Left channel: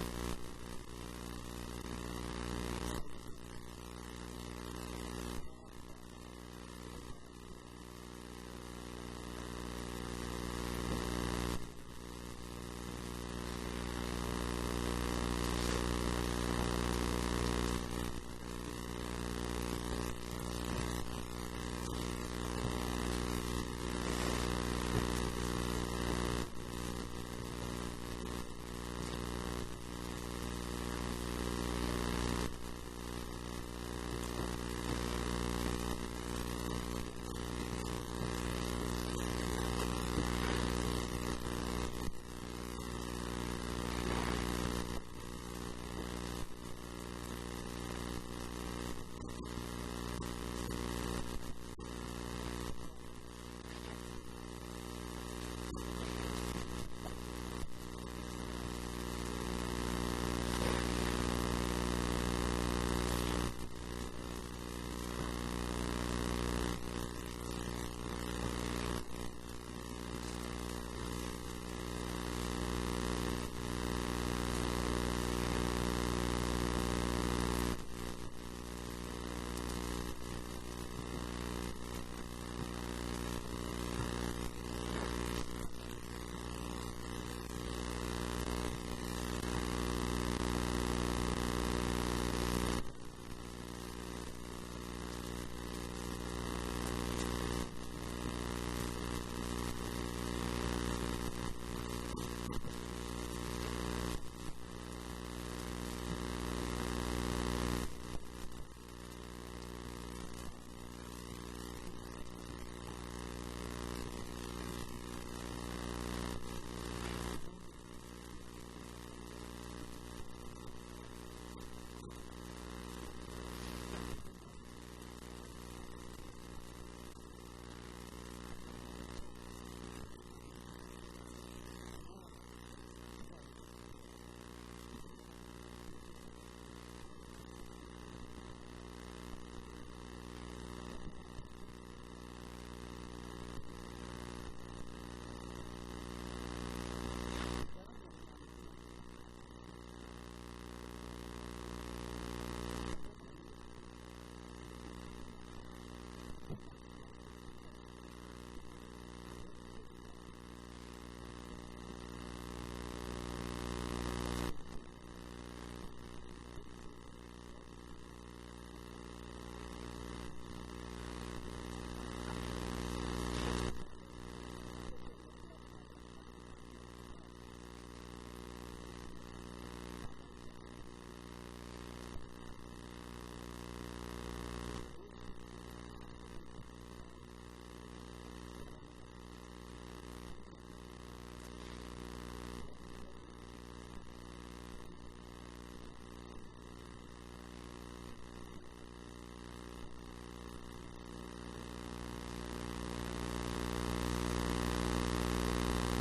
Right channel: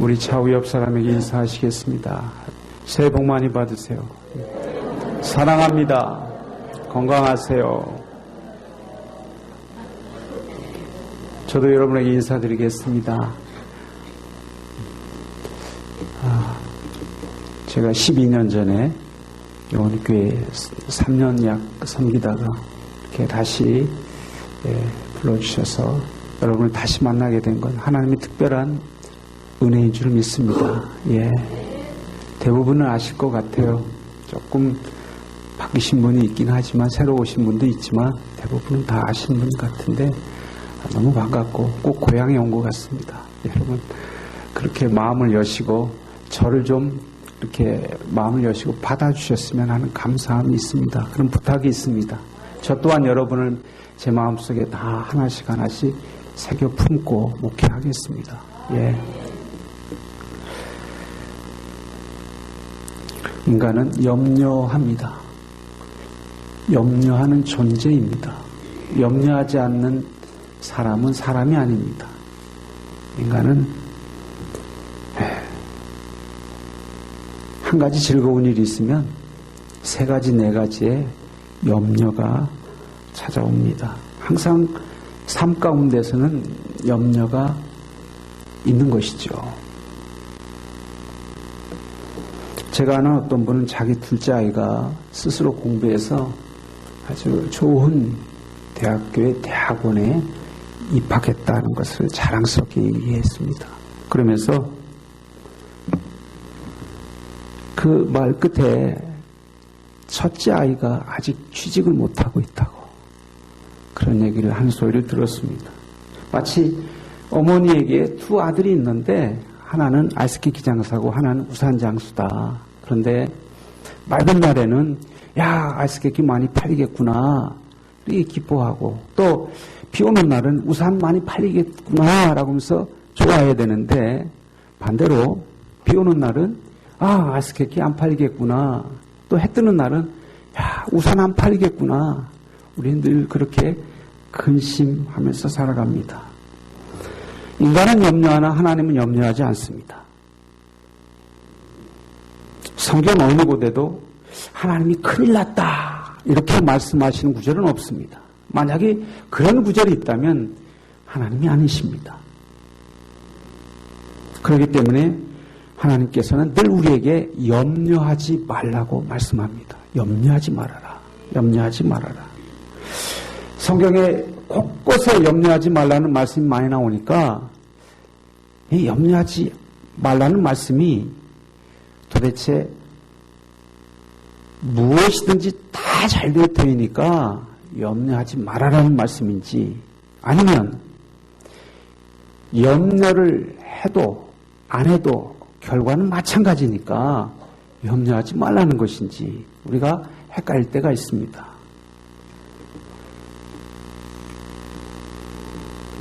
우리 좌우 옆 사람에게 인사하시겠습니다. 새해 복 많이 받으세요. 사랑합니다. 건강하세요. 저도 여러분에게 인사드리겠습니다. 제가 12년 전에 우리 교회 3년 약 섬기다가 이렇게 다시 불러주셔서 여러분을 다시 만나게 된 건 하나님의 특별한 은혜인 줄 믿습니다. 대부분은 아실 것 같아요. 조금 바뀌신 분이 있긴 하지만 새로 오신 분도 있지만 대부분은 다 아시는 분 같은데 너무 반갑고 꼭 고향에 온 것 같습니다. 여러분 그렇게 마음을 여시고 저를 좀 이렇게 마음을 여시고 받아주셨으면 하는 감사함이 있습니다. 그런 부탁이 있습니다. 저 또한 여러분을 제 마음속에 다 하나씩 새겨 품고 목회하겠습니다. 인간은 염려합니다. 염려하는 존재입니다. 염려하지 않는 사람은 사람이 아닙니다. 인간은 한 가지 즐거운 일이 있으면 세 가지, 네 가지의 염려가 찾아옵니다. 항상 삶 가운데서는 염려가 있는 것이죠. 제가 아는 어떤 분은 자기 둘째 아이가 스스로 공부해서 아주 좋은 대학원에 입학했다는 것을 자랑스럽게 얘기했습니다. 그러면서 그 말 끝에 첫째 아이가 아직 취직을 못하고 있다고 그런 얘기를 한 소리를 들었습니다. 마치 어머니에게 두 아들이 있는데 하나는 아이스케이크 장사고 하나는 우산 장수다. 그런데 맑은 날에는 야 아이스케이크 많이 팔리겠구나 이렇게 기뻐하고 또 비 오는 날은 우산 많이 팔리겠구나 라고 하면서 좋아해야 되는데 반대로 비 오는 날은 아이스케이크 안 팔리겠구나 또 해 뜨는 날은 야 우산 안 팔리겠구나 우리는 늘 그렇게 근심하면서 살아갑니다. 인간은 염려하나 하나님은 염려하지 않습니다. 성경 어느 곳에도 하나님이 큰일 났다 이렇게 말씀하시는 구절은 없습니다. 만약에 그런 구절이 있다면 하나님이 아니십니다. 그렇기 때문에 하나님께서는 늘 우리에게 염려하지 말라고 말씀합니다. 염려하지 말아라. 염려하지 말아라. 성경에 곳곳에 염려하지 말라는 말씀이 많이 나오니까 이 염려하지 말라는 말씀이 도대체 무엇이든지 다 잘 되어 있으니까 염려하지 말아라는 말씀인지 아니면 염려를 해도 안 해도 결과는 마찬가지니까 염려하지 말라는 것인지 우리가 헷갈릴 때가 있습니다.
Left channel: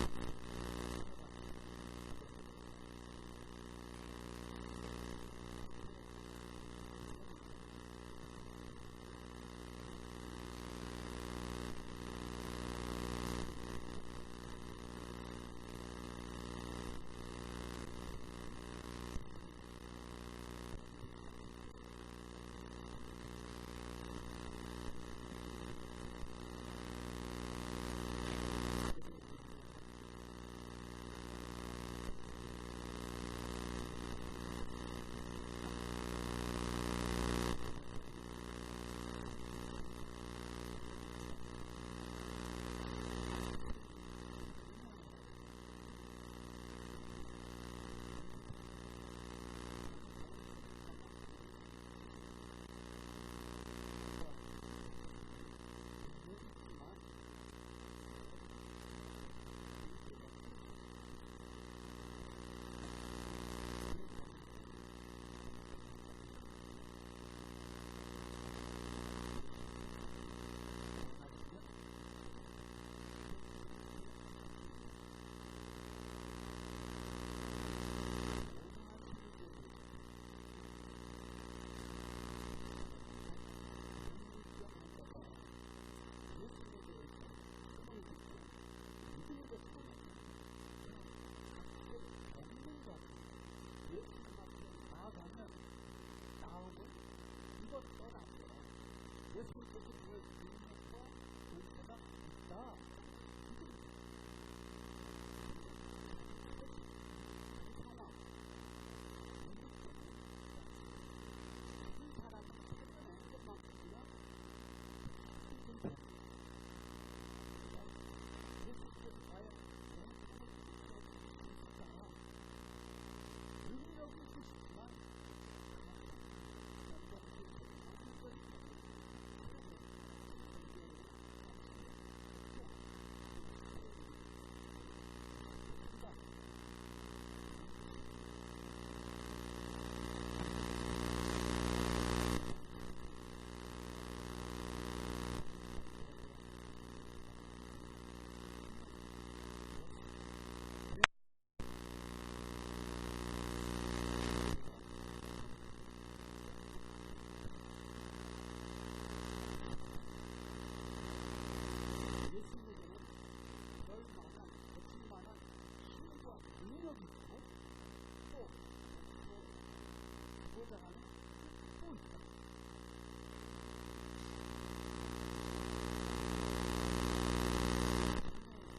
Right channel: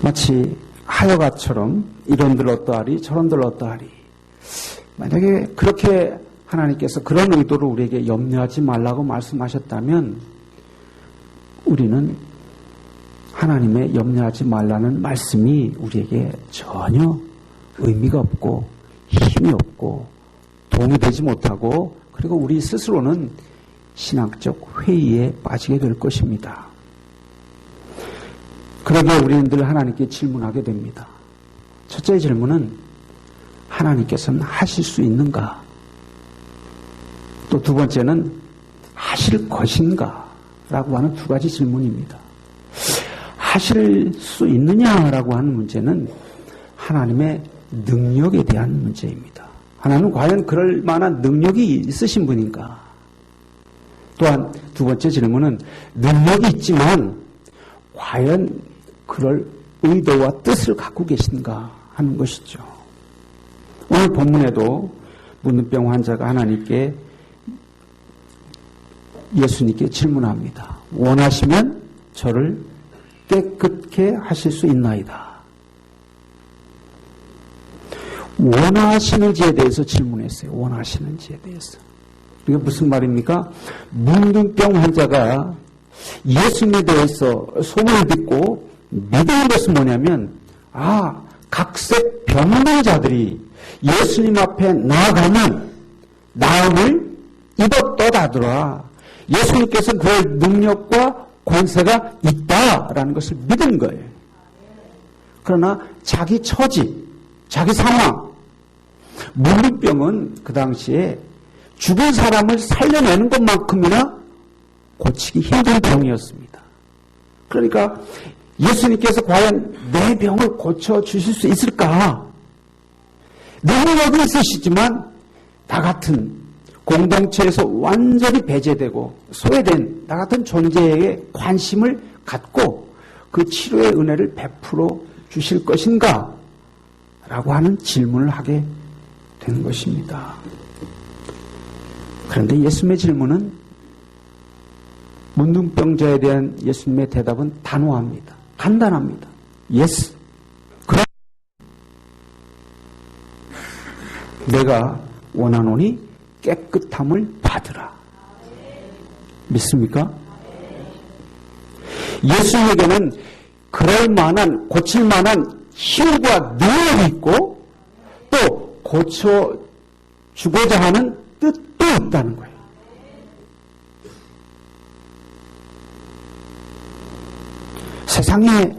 마치 하여가처럼 이런들 어떠하리 저런들 어떠하리 만약에 그렇게 하나님께서 그런 의도로 우리에게 염려하지 말라고 말씀하셨다면 우리는 하나님의 염려하지 말라는 말씀이 우리에게 전혀 의미가 없고 힘이 없고 도움이 되지 못하고 그리고 우리 스스로는 신앙적 회의에 빠지게 될 것입니다. 그러기에 우리는 늘 하나님께 질문하게 됩니다. 첫째 질문은 하나님께서는 하실 수 있는가? 또 두 번째는 하실 것인가? 라고 하는 두 가지 질문입니다. 하실 수 있느냐라고 하는 문제는 하나님의 능력에 대한 문제입니다. 하나님은 과연 그럴 만한 능력이 있으신 분인가? 또한 두 번째 질문은 능력이 있지만 과연 그럴 의도와 뜻을 갖고 계신가 하는 것이죠. 오늘 본문에도 문둥병 환자가 하나님께 예수님께 질문합니다. 원하시면 저를 깨끗게 하실 수 있나이다. 원하시는지에 대해서 질문했어요. 원하시는지에 대해서. 이게 무슨 말입니까? 문둥병 환자가 예수님에 대해서 소문을 듣고 믿은 것은 뭐냐면 각색 병명자들이 예수님 앞에 나아가면 나음을 입어 떠다들어 예수님께서 그럴 능력과 권세가 있다라는 것을 믿은 거예요. 그러나 자기 처지, 자기 상황, 문둥병은 그 당시에 죽은 사람을 살려내는 것만큼이나 고치기 힘든 병이었습니다. 그러니까 예수님께서 과연 내 병을 고쳐주실 수 있을까? 능력은 있으시지만 나 같은 공동체에서 완전히 배제되고 소외된 나 같은 존재에 관심을 갖고 그 치료의 은혜를 베풀어 주실 것인가? 라고 하는 질문을 하게 되는 것입니다. 그런데 예수님의 질문은 문둥병자에 대한 예수님의 대답은 단호합니다. 간단합니다. Yes. 그럼 내가 원하노니 깨끗함을 받으라. 믿습니까? 예수님에게는 그럴 만한, 고칠 만한 힘과 능력이 있고 또 고쳐주고자 하는 뜻도 있다는 거예요. 세상에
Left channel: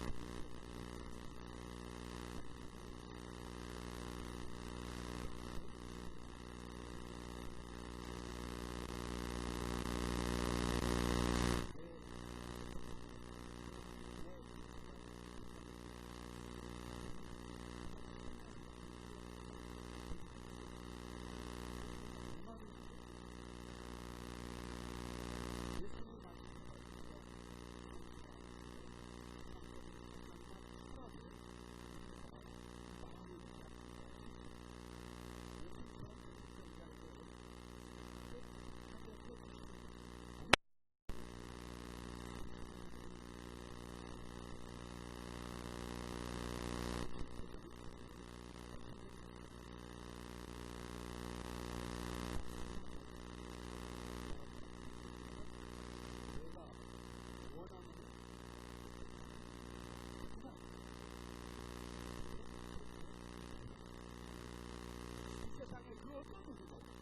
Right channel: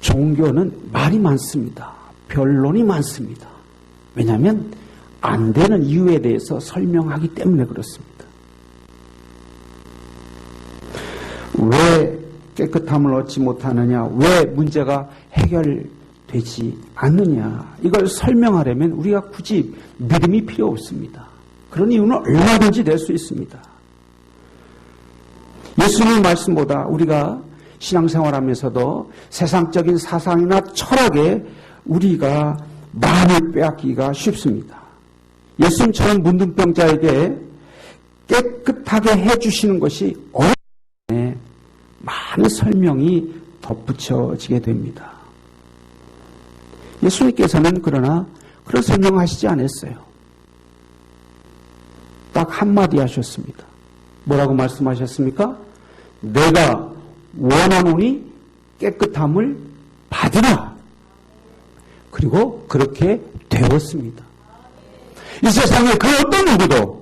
종교는 말이 많습니다. 변론이 많습니다. 왜냐하면 안 되는 이유에 대해서 설명하기 때문에 그렇습니다. 왜 깨끗함을 얻지 못하느냐? 왜 문제가 해결되지 않느냐? 이걸 설명하려면 우리가 굳이 믿음이 필요 없습니다. 그런 이유는 얼마든지 될 수 있습니다. 예수님 말씀보다 우리가 신앙생활하면서도 세상적인 사상이나 철학에 우리가 마음을 빼앗기가 쉽습니다. 예수님처럼 문둥병자에게 깨끗하게 해주시는 것이 어려운데 많은 설명이 덧붙여지게 됩니다. 예수님께서는 그러나 그런 설명하시지 않았어요. 딱 한마디 하셨습니다. 뭐라고 말씀하셨습니까? 내가 원하노니 깨끗함을 받으라. 그리고 그렇게 되었습니다. 이 세상에 그 어떤 누구도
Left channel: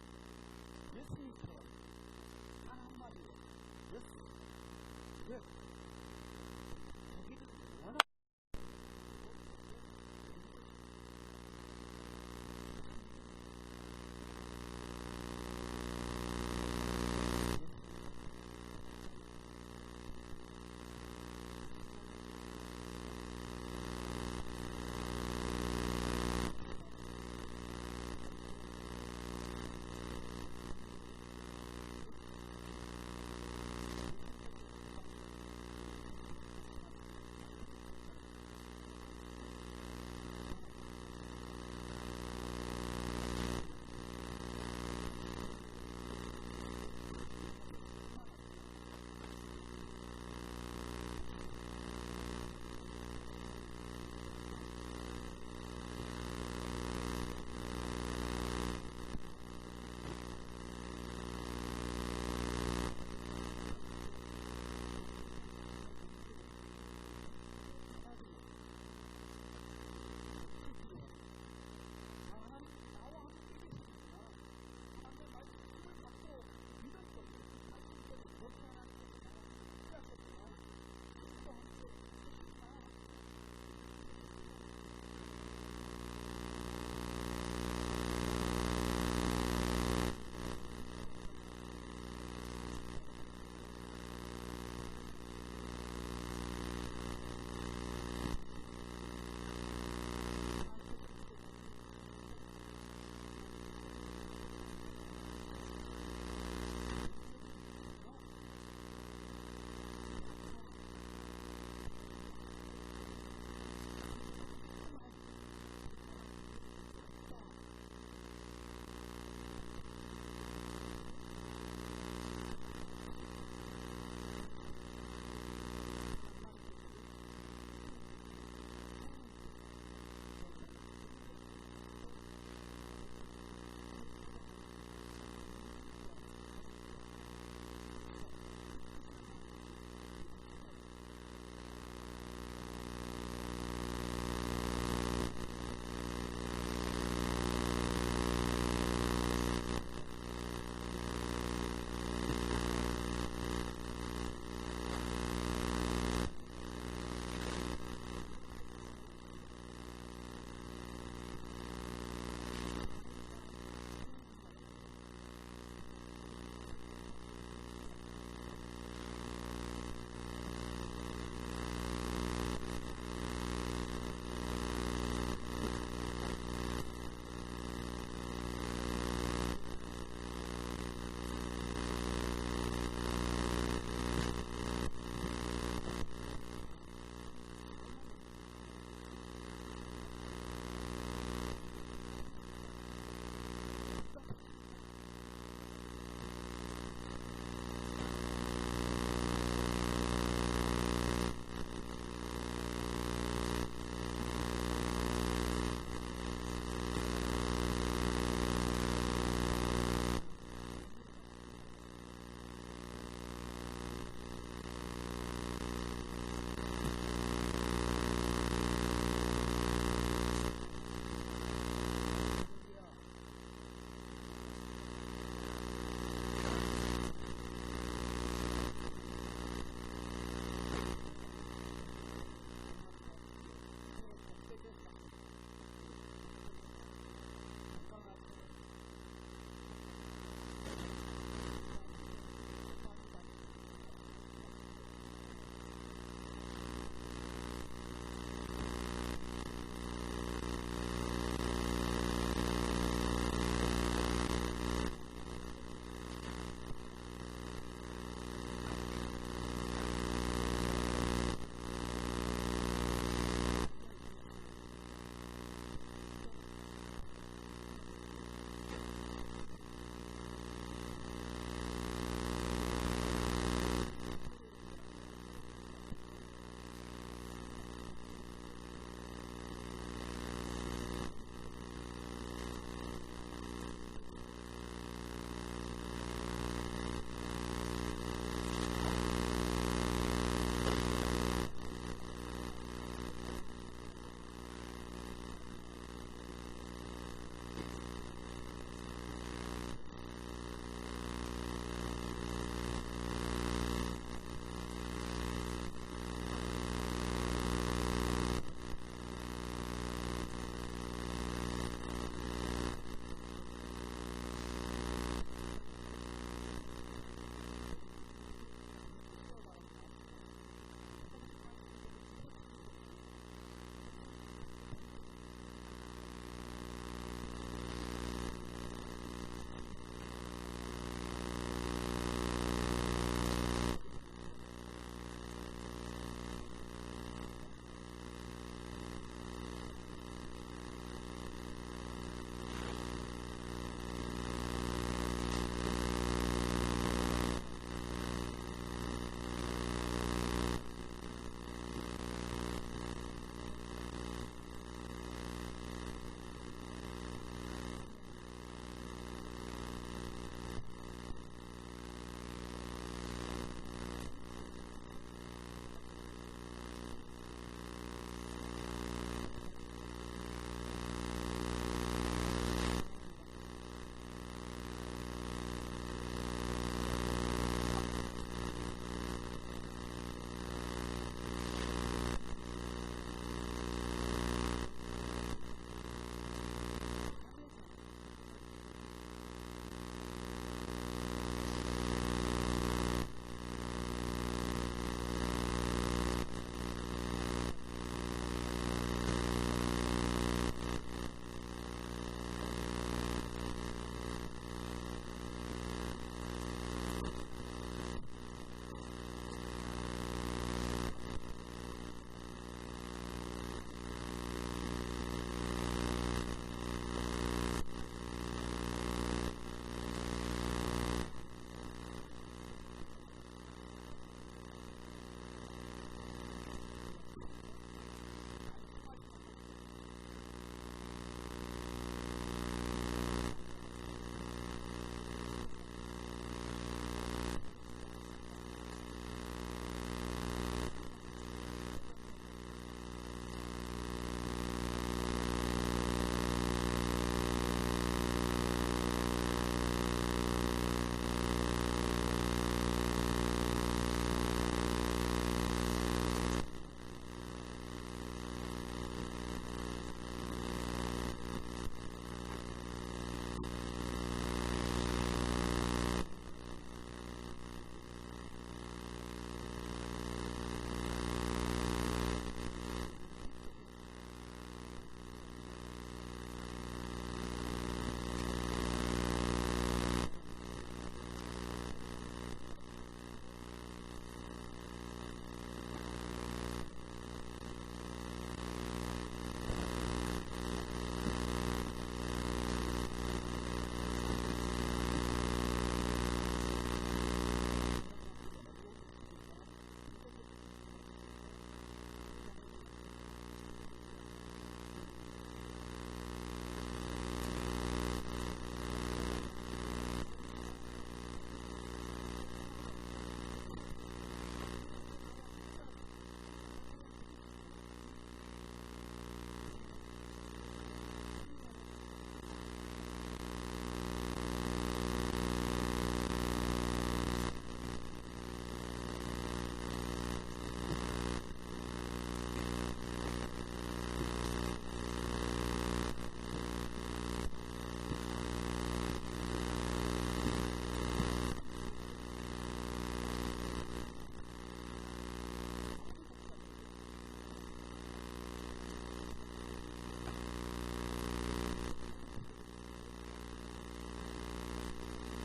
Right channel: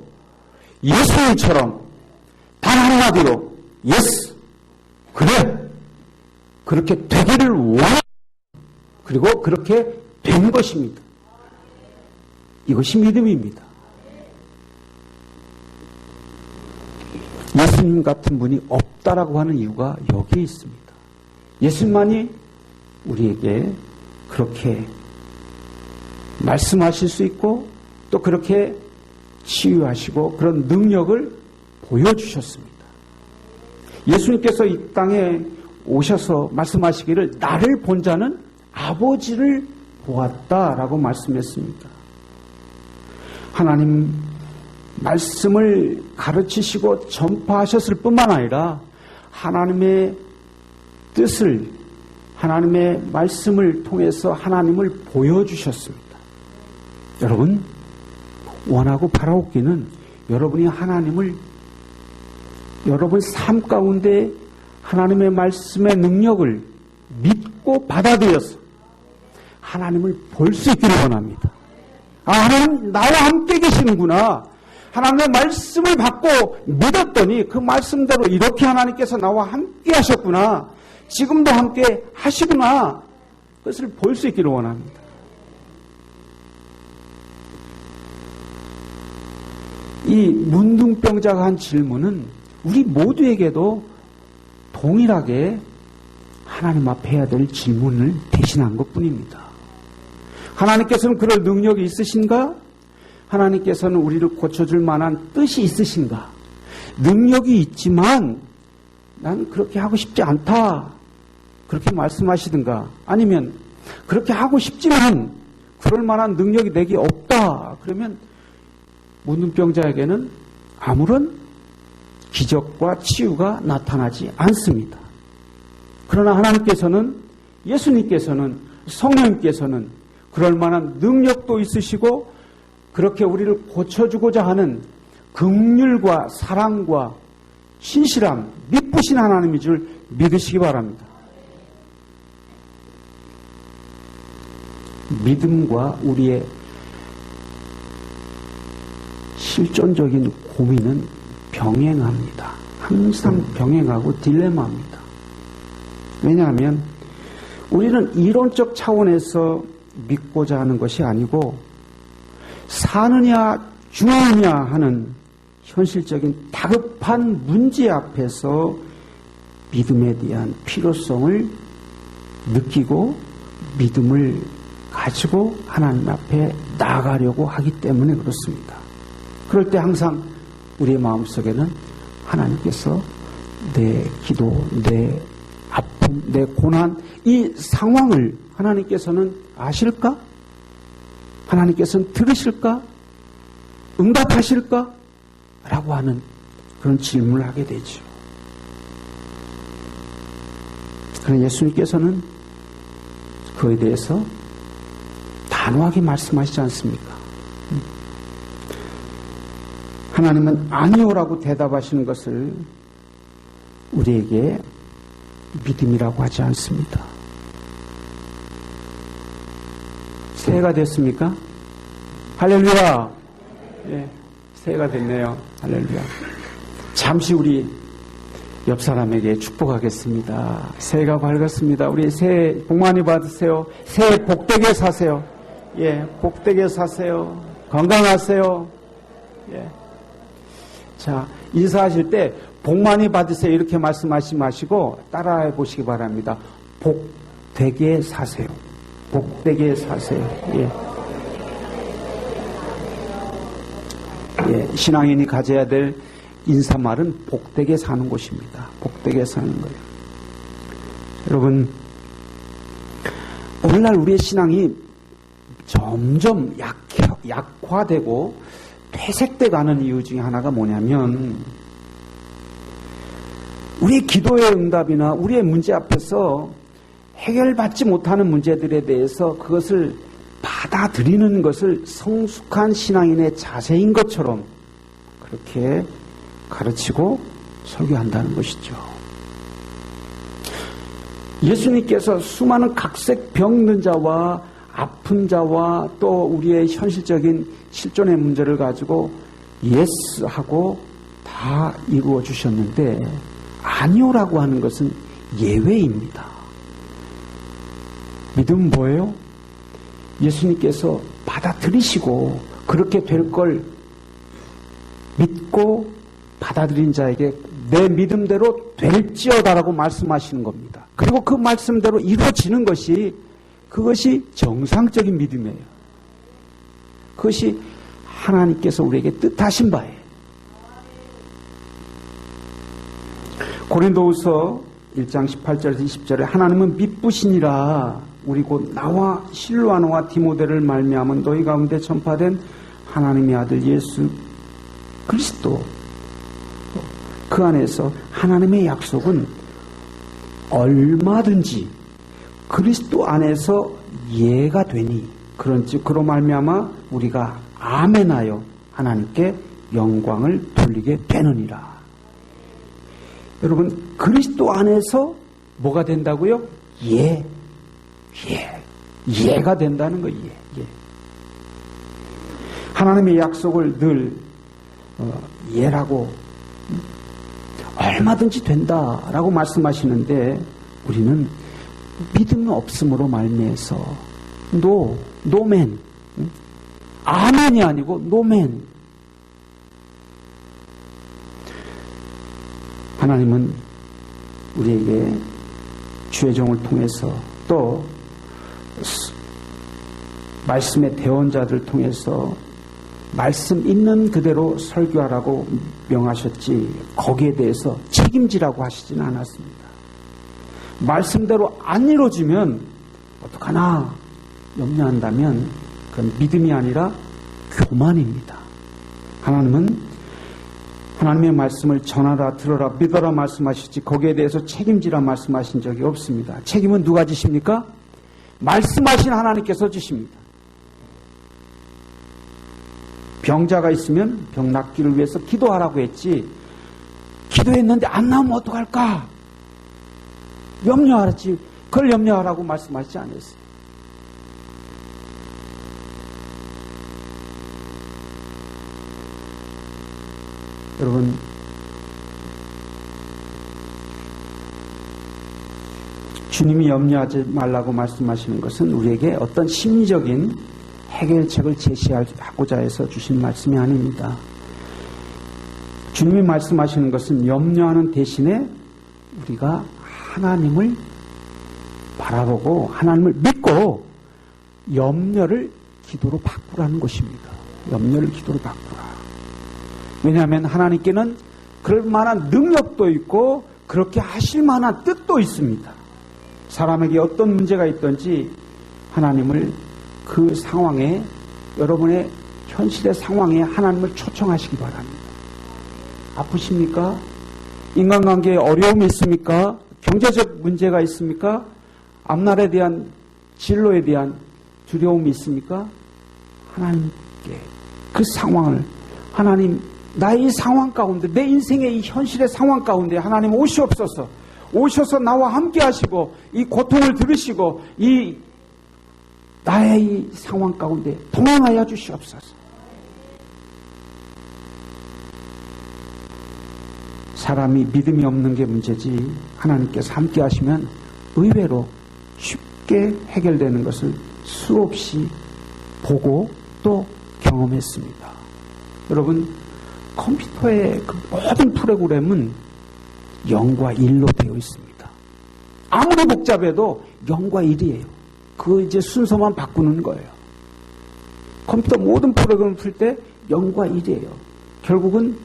예수님처럼 단 한마디로 예스, 그래, 그렇게 되기를 원합니다. 그리고 그렇게 된 것입니다. 이것이 믿음입니다. 예수님 같은 분이 없다라고 하는 이유가 여기에 있습니다. 예수님만이 우리에게 그렇게 말씀하실 수 있고 또 그렇게 치유하시고 그런 능력을 보여주셨습니다. 예수님께서 이 땅에 오셔서 말씀하시기를 나를 본 자는 아버지를 보았다라고 말씀했습니다. 하나님 말씀을 가르치시고 전파하셨을 뿐만 아니라 하나님의 뜻을 하나님의 말씀을 통해서 하나님을 보여주셨습니다. 여러분 원하고 바라옵기는 여러분이 하나님을 여러분 삶 가운데 하나님의 말씀의 능력을 믿고 받아들여서 하나님을 볼 수 있기를 원합니다. 아, 하나님 나와 함께 계시는구나. 하나님의 말씀을 받고 믿었더니 그 말씀대로 이렇게 하나님께서 나와 함께 하셨구나. 지금도 함께 하시구나. 그것을 볼 수 있기를 원합니다. 이 문둥병자가 한 질문은 우리 모두에게도 동일하게 하나님 앞에 해야 될 질문을 대신한 것뿐입니다. 하나님께서는 그럴 능력이 있으신가? 하나님께서는 우리를 고쳐줄 만한 뜻이 있으신가? 능력이 있지만 난 그렇게 하고 싶지 않다. 그렇게 말씀하시든가 아니면 그렇게 하고 싶지만 그럴 만한 능력이 내게 없다. 그러면 문둥병자에게는 아무런 기적과 치유가 나타나지 않습니다. 그러나 하나님께서는 예수님께서는 성령님께서는 그럴 만한 능력도 있으시고 그렇게 우리를 고쳐주고자 하는 긍휼과 사랑과 신실함, 미쁘신 하나님인 줄 믿으시기 바랍니다. 믿음과 우리의 실존적인 고민은 병행합니다. 항상 병행하고 딜레마입니다. 왜냐하면 우리는 이론적 차원에서 믿고자 하는 것이 아니고 사느냐 죽느냐 하는 현실적인 다급한 문제 앞에서 믿음에 대한 필요성을 느끼고 믿음을 가지고 하나님 앞에 나아가려고 하기 때문에 그렇습니다. 그럴 때 항상 우리의 마음속에는 하나님께서 내 기도, 내 아픔, 내 고난, 이 상황을 하나님께서는 아실까? 하나님께서는 들으실까? 응답하실까? 라고 하는 그런 질문을 하게 되죠. 그러나 예수님께서는 그에 대해서 단호하게 말씀하시지 않습니까? 하나님은 아니오라고 대답하시는 것을 우리에게 믿음이라고 하지 않습니다. 새해가 됐습니까? 할렐루야! 예, 새해가 됐네요. 할렐루야. 잠시 우리 옆 사람에게 축복하겠습니다. 새해가 밝았습니다. 우리 새해 복 많이 받으세요. 새해 복되게 사세요. 예, 복되게 사세요. 건강하세요. 예. 자, 인사하실 때 복 많이 받으세요 이렇게 말씀하시지 마시고 따라해 보시기 바랍니다. 복되게 사세요. 복되게 사세요. 예. 예, 신앙인이 가져야 될 인사말은 복되게 사는 곳입니다. 복되게 사는 것. 여러분, 오늘날 우리의 신앙이 점점 약화되고 퇴색돼 가는 이유 중에 하나가 뭐냐면 우리의 기도의 응답이나 우리의 문제 앞에서 해결받지 못하는 문제들에 대해서 그것을 받아들이는 것을 성숙한 신앙인의 자세인 것처럼 그렇게 가르치고 설교한다는 것이죠. 예수님께서 수많은 각색 병든 자와 아픈 자와 또 우리의 현실적인 실존의 문제를 가지고 예스하고 다 이루어 주셨는데 아니오라고 하는 것은 예외입니다. 믿음은 뭐예요? 예수님께서 받아들이시고 그렇게 될 걸 믿고 받아들인 자에게 내 믿음대로 될지어다라고 말씀하시는 겁니다. 그리고 그 말씀대로 이루어지는 것이 그것이 정상적인 믿음이에요. 그것이 하나님께서 우리에게 뜻하신 바예요. 고린도후서 1장 18절에서 20절에 하나님은 미쁘시니라 우리 곧 나와 실로아노와 디모데를 말미암은 너희 가운데 전파된 하나님의 아들 예수 그리스도 그 안에서 하나님의 약속은 얼마든지 그리스도 안에서 예가 되니 그런즉 그로 말미암아 우리가 아멘하여 하나님께 영광을 돌리게 되느니라. 여러분 그리스도 안에서 뭐가 된다고요? 예가 된다는 거예요. 예. 하나님의 약속을 늘 예라고 얼마든지 된다라고 말씀하시는데 우리는 믿음 없음으로 말미해서 노맨 아멘이 아니고 노맨. 하나님은 우리에게 주의 종을 통해서 또 말씀의 대언자들을 통해서 말씀 있는 그대로 설교하라고 명하셨지 거기에 대해서 책임지라고 하시진 않았습니다. 말씀대로 안 이루어지면 어떡하나 염려한다면 그건 믿음이 아니라 교만입니다. 하나님은 하나님의 말씀을 전하라 들어라 믿어라 말씀하시지 거기에 대해서 책임지라 말씀하신 적이 없습니다. 책임은 누가 지십니까? 말씀하신 하나님께서 지십니다. 병자가 있으면 병 낫기를 위해서 기도하라고 했지 기도했는데 안 나오면 어떡할까? 염려하지 그걸 염려하라고 말씀하시지 않았어요. 여러분, 주님이 염려하지 말라고 말씀하시는 것은 우리에게 어떤 심리적인 해결책을 제시하고자 해서 주신 말씀이 아닙니다. 주님이 말씀하시는 것은 염려하는 대신에 우리가 하나님을 바라보고 하나님을 믿고 염려를 기도로 바꾸라는 것입니다. 염려를 기도로 바꾸라. 왜냐하면 하나님께는 그럴 만한 능력도 있고 그렇게 하실 만한 뜻도 있습니다. 사람에게 어떤 문제가 있든지 하나님을 그 상황에, 여러분의 현실의 상황에 하나님을 초청하시기 바랍니다. 아프십니까? 인간관계에 어려움이 있습니까? 경제적 문제가 있습니까? 앞날에 대한 진로에 대한 두려움이 있습니까? 하나님께 그 상황을, 하나님, 나의 이 상황 가운데, 내 인생의 이 현실의 상황 가운데 하나님 오시옵소서. 오셔서 나와 함께 하시고 이 고통을 들으시고 이 나의 이 상황 가운데 동행하여 주시옵소서. 사람이 믿음이 없는 게 문제지 하나님께서 함께 하시면 의외로 쉽게 해결되는 것을 수없이 보고 또 경험했습니다. 여러분, 컴퓨터의 그 모든 프로그램은 0과 1로 되어 있습니다. 아무리 복잡해도 0과 1이에요. 그 이제 순서만 바꾸는 거예요. 컴퓨터 모든 프로그램을 풀 때 0과 1이에요. 결국은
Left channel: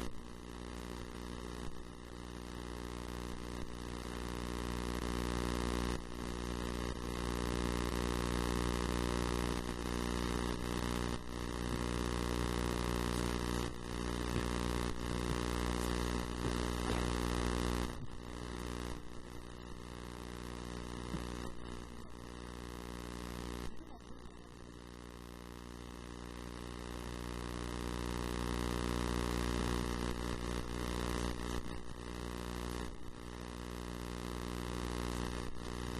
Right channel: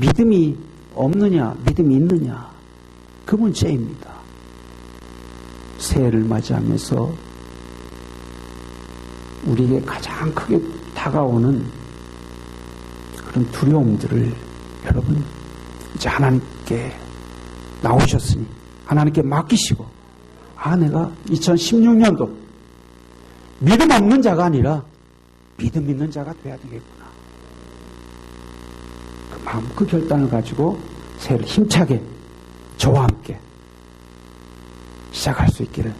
믿음이 없느냐, 믿음이 있느냐, 그 문제입니다. 새해를 맞이하면서 우리에게 가장 크게 다가오는 그런 두려움들을 여러분 이제 하나님께 나오셨으니 하나님께 맡기시고, 내가 2016년도 믿음 없는 자가 아니라 믿음 있는 자가 돼야 되겠구나. 그 마음, 그 결단을 가지고 새해를 힘차게 저와 함께 시작할 수 있기를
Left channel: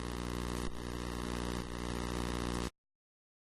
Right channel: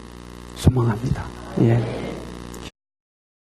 소망합니다. 예.